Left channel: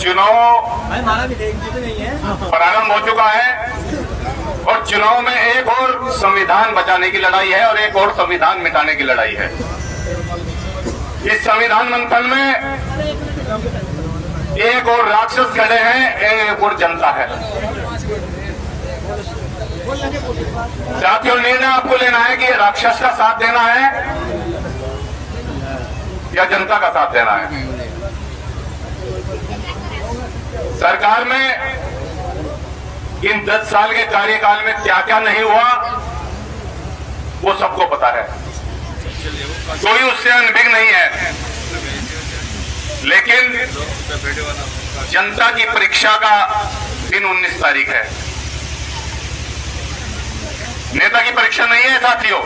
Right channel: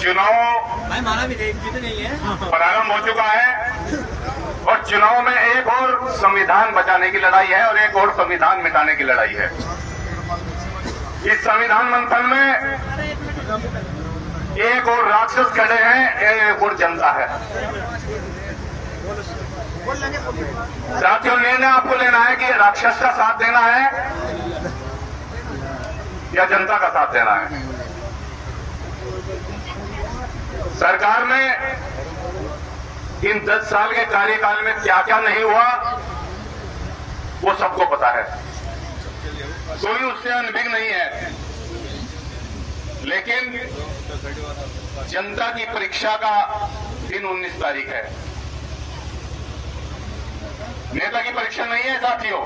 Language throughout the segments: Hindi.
चुनाव प्रारंभ हो चुका है और चुनाव में एक और संविधान बचाने की लड़ाई है और एक और संविधान मिटाने की लड़ाई है। इस संविधान मंथन में एक और राक्षस खड़े हैं, एक और जनता है। साथियों, निर्णय आपको लेना है कि राक्षस का साथ देना है या जनता का साथ देना है। सरकार में इन 10 साल के कार्यकाल में क्या क्या नहीं हुआ वो सबको पता है, कोई उससे अनभिज्ञ नहीं है। लेकिन जनता की परीक्षा का दिन 19 तारीख है। नेता की परीक्षा नहीं है साथियों,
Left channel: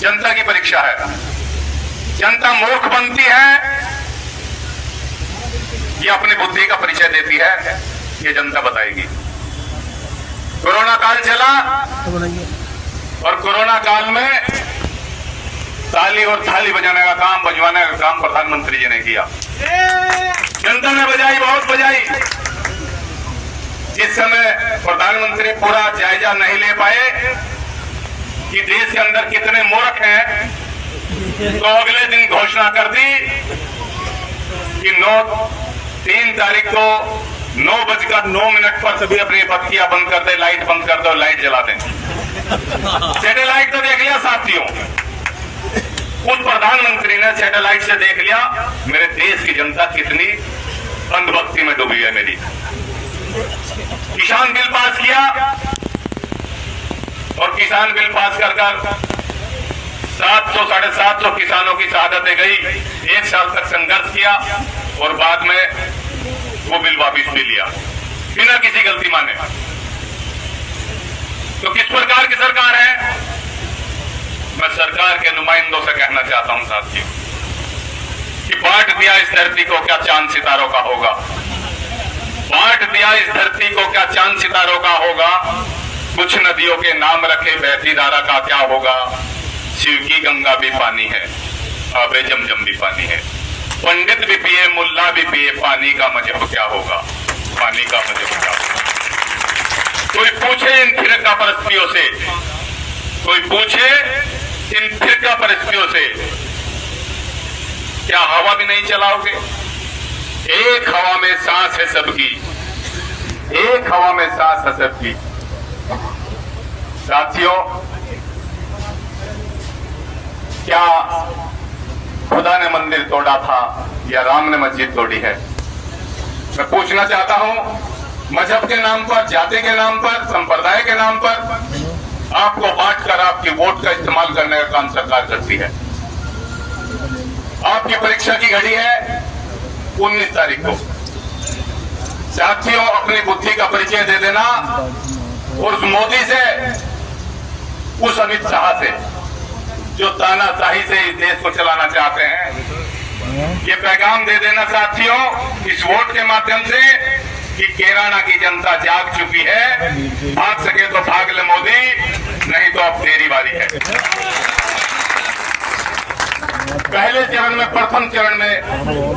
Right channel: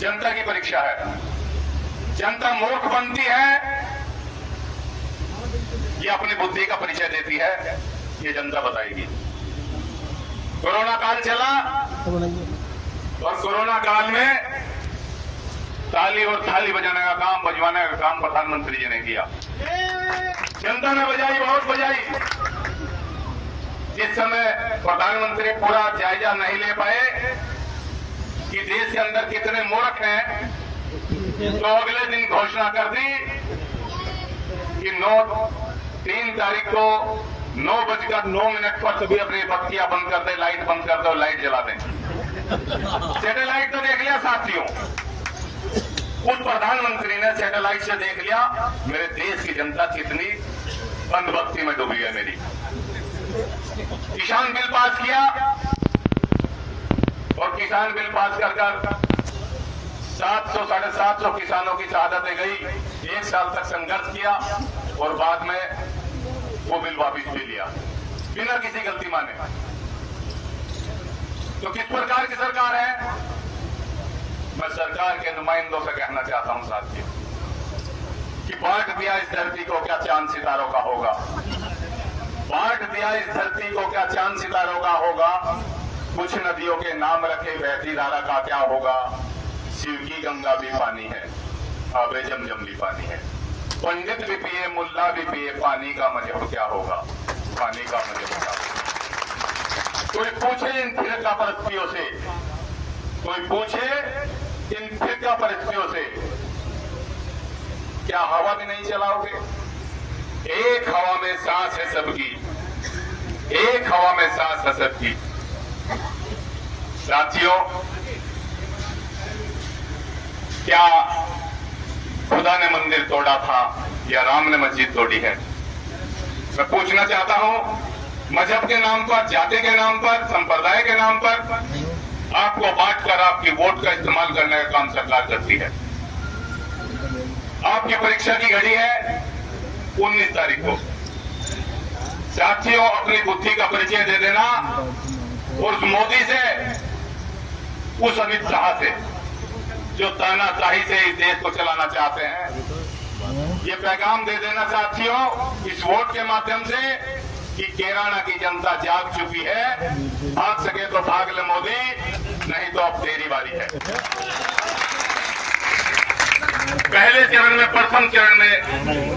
जनता की परीक्षा है। जनता मूर्ख बनती है ये अपनी बुद्धि का परिचय देती है, ये जनता बताएगी। कोरोना काल चला और कोरोना काल में ताली और थाली बजाने का काम, बजवाने का काम प्रधानमंत्री जी ने किया। जनता ने बजाई, बहुत बजाई। इस समय प्रधानमंत्री पूरा जायजा नहीं ले पाए कि देश के अंदर कितने मूर्ख हैं, तो अगले दिन घोषणा कर दी कि 3 तारीख को 9:09 पर सभी अपनी बत्तियां बंद कर दे, लाइट बंद कर दो, लाइट जला दें। सैटेलाइट तो देख लिया साथियों, उस प्रधानमंत्री ने सैटेलाइट से देख लिया मेरे देश की जनता कितनी अंधभक्ति में डूबी है मेरी। किसान बिल पास किया और किसान बिल पास कर 700-750 किसानों की शहादतें गई। 1 साल तक संघर्ष किया और बाद में वो बिल वापिस भी लिया बिना किसी गलती माने। तो किस प्रकार की सरकार है? मैं सरकार के नुमाइंदों से कहना चाहता हूं साथियों कि बांट दिया इस धरती को, क्या चांद सितारों का होगा। बांट दिया इस धरती को, क्या चांद सितारों का होगा। कुछ नदियों के नाम रखे, बहती धारा का क्या होगा। शिव की गंगा भी पानी है, आबे जमजम भी पानी है। पंडित भी पिए, मुल्ला भी पिए, पानी का मजहब क्या होगा, पानी का मजहब क्या होगा। कोई पूछे इन फिरका परस्तियों से, कोई पूछे इन फिरका परस्तियों से, क्या हवा भी नहीं चलाओगे? एक हवा में सांस है सबकी, एक हवा में सांस है सबकी। साथियों, क्या खुदा ने मंदिर तोड़ा था या राम ने मस्जिद तोड़ी है? मैं पूछना चाहता हूं, मजहब के नाम पर, जाति के नाम पर, संप्रदाय के नाम पर आपको बांटकर आपके वोट का इस्तेमाल करने का काम सरकार करती है। आपकी परीक्षा की घड़ी है 19 तारीख को। साथियों, अपनी बुद्धि का परिचय दे देना और उस मोदी से, उस अमित शाह से जो तानाशाही से इस देश को चलाना चाहते हैं, ये पैगाम दे देना साथियों इस वोट के माध्यम से कि केराना की जनता जाग चुकी है। भाग सके तो भाग ले मोदी, नहीं तो अब तेरी बारी है। पहले चरण में, प्रथम चरण में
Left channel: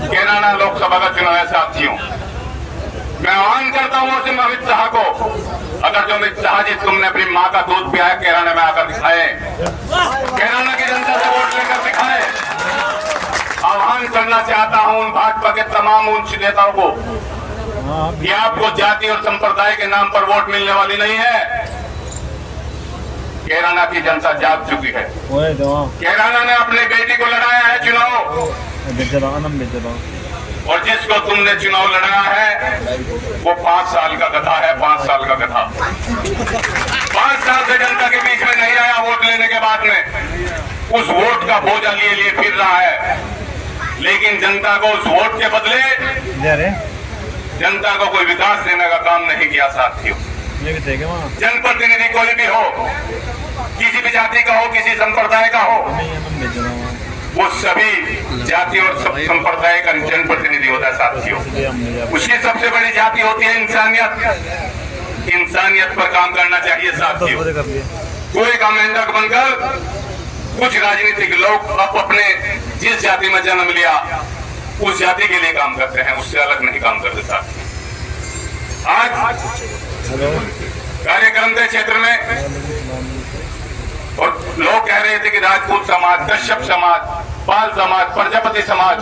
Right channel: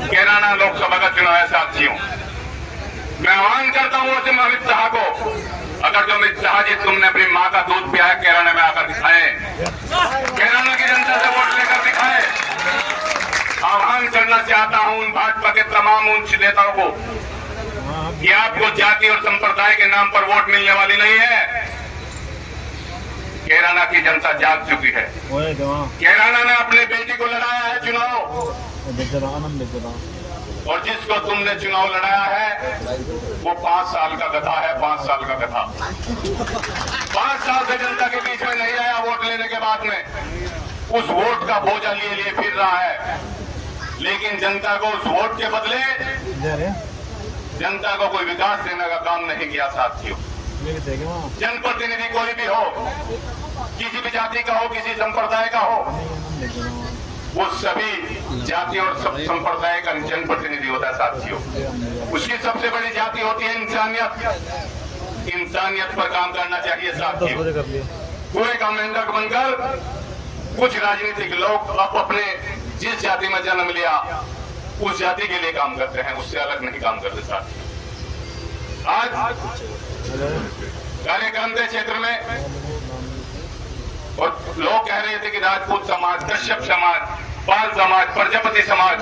केराना लोकसभा का चुनाव है साथियों। मैं आह्वान करता हूं अमित शाह को, अगर जो अमित शाह जी तुमने अपनी मां का दूध पिया है, केराना में आकर दिखाए, केराना की जनता से वोट लेकर दिखाए। आह्वान करना चाहता हूं उन भाजपा के तमाम उच्च नेताओं को कि आपको जाति और संप्रदाय के नाम पर वोट मिलने वाली नहीं है। केराना की जनता जाग चुकी है। केराना ने अपनी बेटी को लड़ाया है चुनाव, और जिसको तुमने चुनाव लड़ाया है वो 5 साल का गधा है, 5 साल का गधा। 5 साल से जनता के बीच में नहीं आया वोट लेने के बाद में, उस वोट का बोझा लिए फिर रहा है। लेकिन जनता को उस वोट के बदले जनता को कोई विकास देने का काम नहीं किया साथियों। जनप्रतिनिधि कोई भी हो, किसी भी जाति का हो, किसी संप्रदाय का हो, वो सभी जाति और संप्रदाय का जनप्रतिनिधि होता है साथियों। उसकी सबसे बड़ी जाति होती है इंसानियत। इंसानियत पर काम करना चाहिए साथियों। कोई का मेंढक बनकर कुछ राजनीतिक लोग अब अपने जिस जाति में जन्म लिया उस जाति के लिए काम करते हैं, उससे अलग नहीं काम करते साथ। आज कार्यक्रम के क्षेत्र में और लोग कह रहे थे कि राजपूत समाज, कश्यप समाज, पाल समाज, प्रजापति समाज,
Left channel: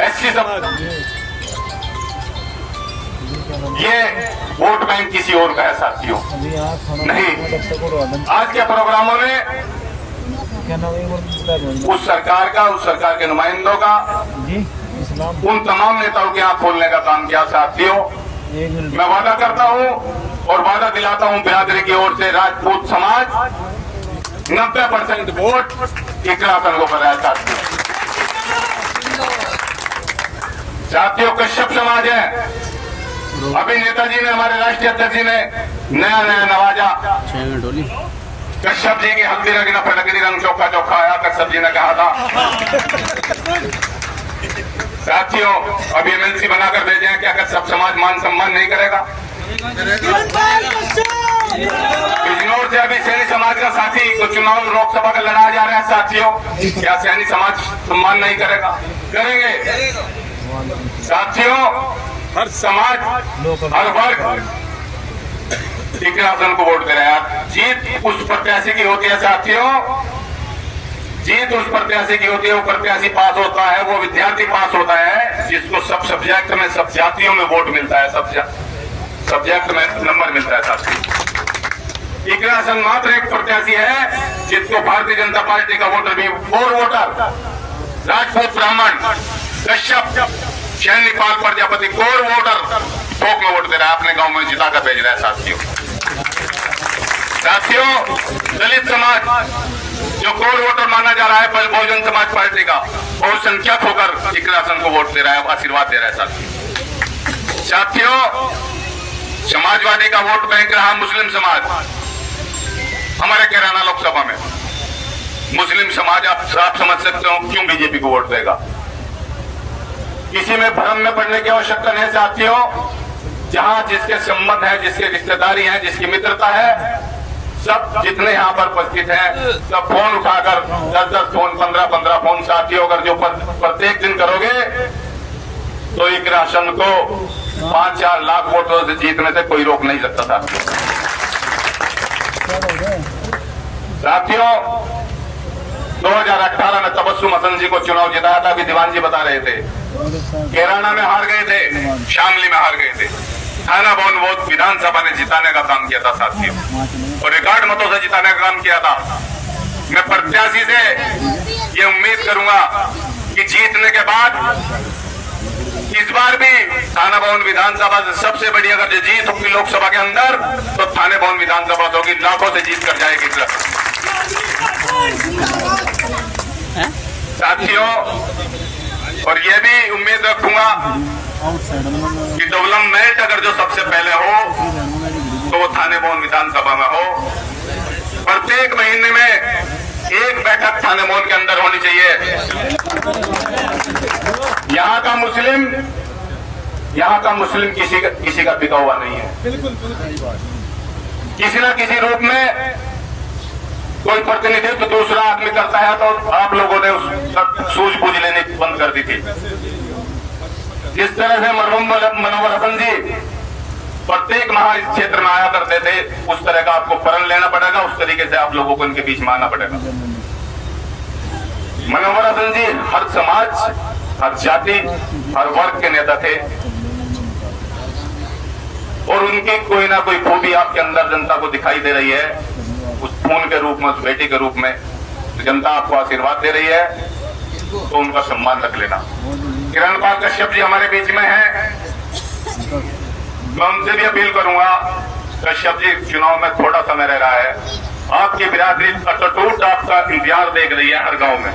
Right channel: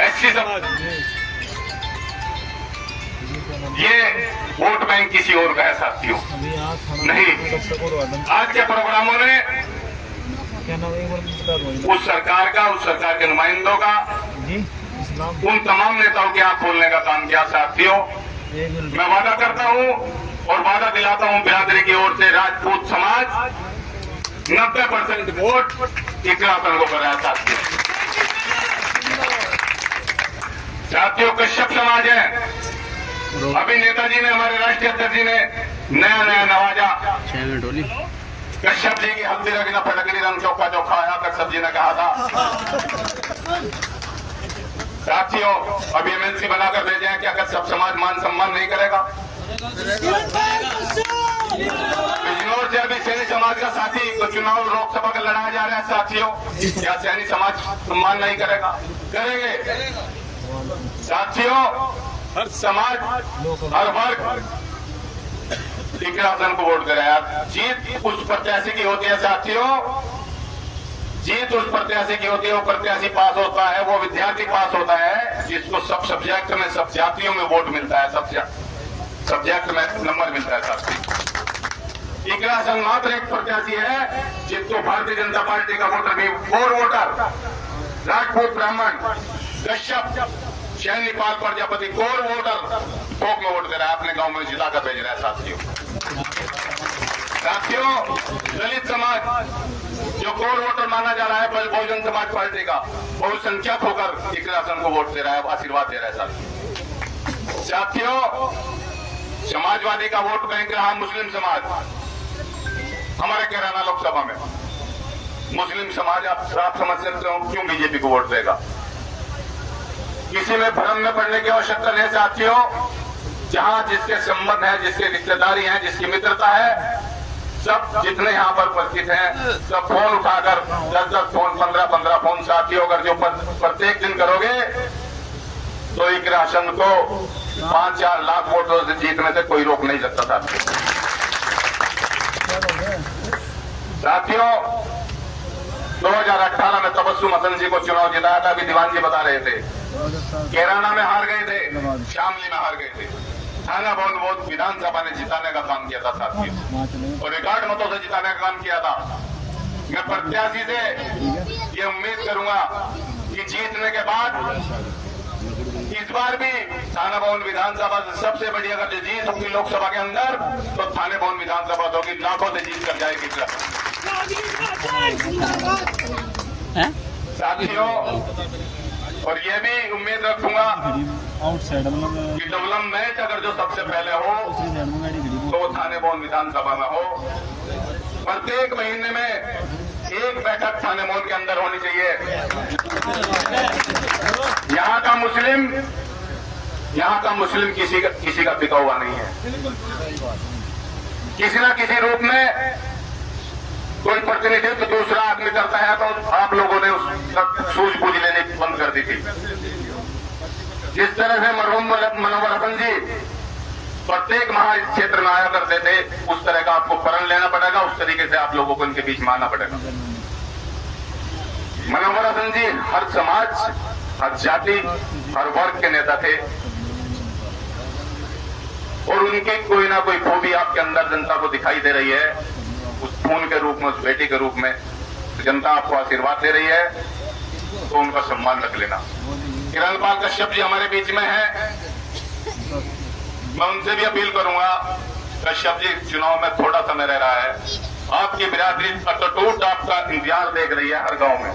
एससी समाज, ये वोट बैंक किसी और का है साथियों, नहीं। आज के प्रोग्रामों में उस सरकार का, उस सरकार के नुमाइंदों का, उन तमाम नेताओं की आंख खोलने का काम किया साथियों। मैं वादा करता हूं और वादा दिलाता हूं बिरादरी की ओर से, राजपूत समाज 90% वोट इकलासन को कराया साथियों। साथियों कश्यप समाज है, अभी नेताजी ने, हमारे राष्ट्रीय अध्यक्ष जी ने नया नवाजा। कश्यप जी की हल्दी रंग फटकड़ी रंग चौखा चौखा आया, कश्यप जी ने कहा था। साथियों अभी एमएलसी बनाकर भेजे हैं, क्या कश्यप समाज मान सम्मान नहीं करेगा? बिजनौर से अभी सैनी समाज का साथी को चुनाव लोकसभा का लड़ाया जा रहा है साथियों, क्या सैनी समाज सम्मान नहीं करेगा? करेंगे साथियों। हर समाज, हर वर्ग इकलासन को वोट दे रहे हैं। जीत उस प्रत्याशी की होती है साथियों, जीत उस प्रत्याशी की होती है, वो प्रत्याशी पास होता है, वो विद्यार्थी पास होता है जिसको सब सब्जेक्ट में, सब जातियों में वोट मिलता है, सब सब्जेक्ट में नंबर मिलता है साथियों। इकलासन मात्र एक प्रत्याशी है जिसको भारतीय जनता पार्टी का वोटर भी, और वोटर राजपूत, ब्राह्मण, कश्यप, सैनी, पाल, प्रजापति, कोर वोटर थोक में वोट दे रहा है, अपने गांव में जिताकर भेज रहा है साथियों। साथियों दलित समाज जो कोर वोटर माना जा रहा है बहुजन समाज पार्टी का, बहुत संख्यक होकर इकलासन को वोट दे रहा है, आशीर्वाद दे रहा है साथियों। साथियों समाजवादी का वोट बैंक रहा मुस्लिम समाज। हमारे कैराना लोकसभा में मुस्लिम समाज, आप समझ सकते हो क्यों बीजेपी को वोट देगा। किसी में भ्रम में पड़ने की आवश्यकता नहीं साथियों। जहां जिसके संबंध है, जिसके रिश्तेदारी है, जिसकी मित्रता है, सब जितने यहाँ पर उपस्थित हैं, सब फोन उठाकर 10-10 फोन, 15-15 फोन साथियों, अगर जो प्रत्येक दिन करोगे तो इकलासन को 5-4 लाख वोटों से जीतने से कोई रोक नहीं सकता साथियों। 2018 में तबस्सुम हसन जी को चुनाव जिताया था, अभी दीवान जी बता रहे थे। कैराना में हार गए थे, शामली में हार गए थे, थाना भवन वोट विधानसभा ने जिताने का काम किया था साथियों, और रिकॉर्ड मतों से जिताने का काम किया था। मैं प्रत्याशी से ये उम्मीद करूंगा कि जीतने के बाद इस बार भी थाना भवन विधानसभा से सबसे बड़ी अगर जो जीत होगी लोकसभा के अंदर, तो थाने भवन विधानसभा होगी, लाखों से जीत कर जाएगी साथियों। और ये भी उम्मीद रखूंगा कि डेवलपमेंट अगर जो सबसे पहले हो तो वो थाने भवन विधानसभा में हो। प्रत्येक महीने में एक बैठक थाने भवन के अंदर होनी चाहिए। यहाँ का मुस्लिम किसी का पिता हुआ नहीं है। किसी न किसी रूप में कोई प्रतिनिधित्व दूसरा आदमी करता है तो आप लोगों ने उस सूझबूझ लेने बंद कर दी थी। जिस तरह से मरहूम मनोहर हसन जी प्रत्येक महा इस क्षेत्र में आया करते थे, उस तरह का आपको प्रण लेना पड़ेगा, उस तरीके से आप लोगों को इनके बीच में आना पड़ेगा। मनोहर हसन जी हर समाज, हर जाति, हर वर्ग के नेता थे, और उनकी कोई ना कोई खूबी आपके अंदर जनता को दिखाई दे रही है, उस खून के रूप में, उस बेटी के रूप में। जनता आपको आशीर्वाद दे रही है तो उनका सम्मान रख लेना। किरणपाल कश्यप जी हमारे बीच में है, मैं उनसे भी अपील करूंगा। कश्यप जी चुनाव में थोड़ा समय रह रहा है, आपकी बिरादरी अटूट आपका इंतजार देख रही है हर गांव में।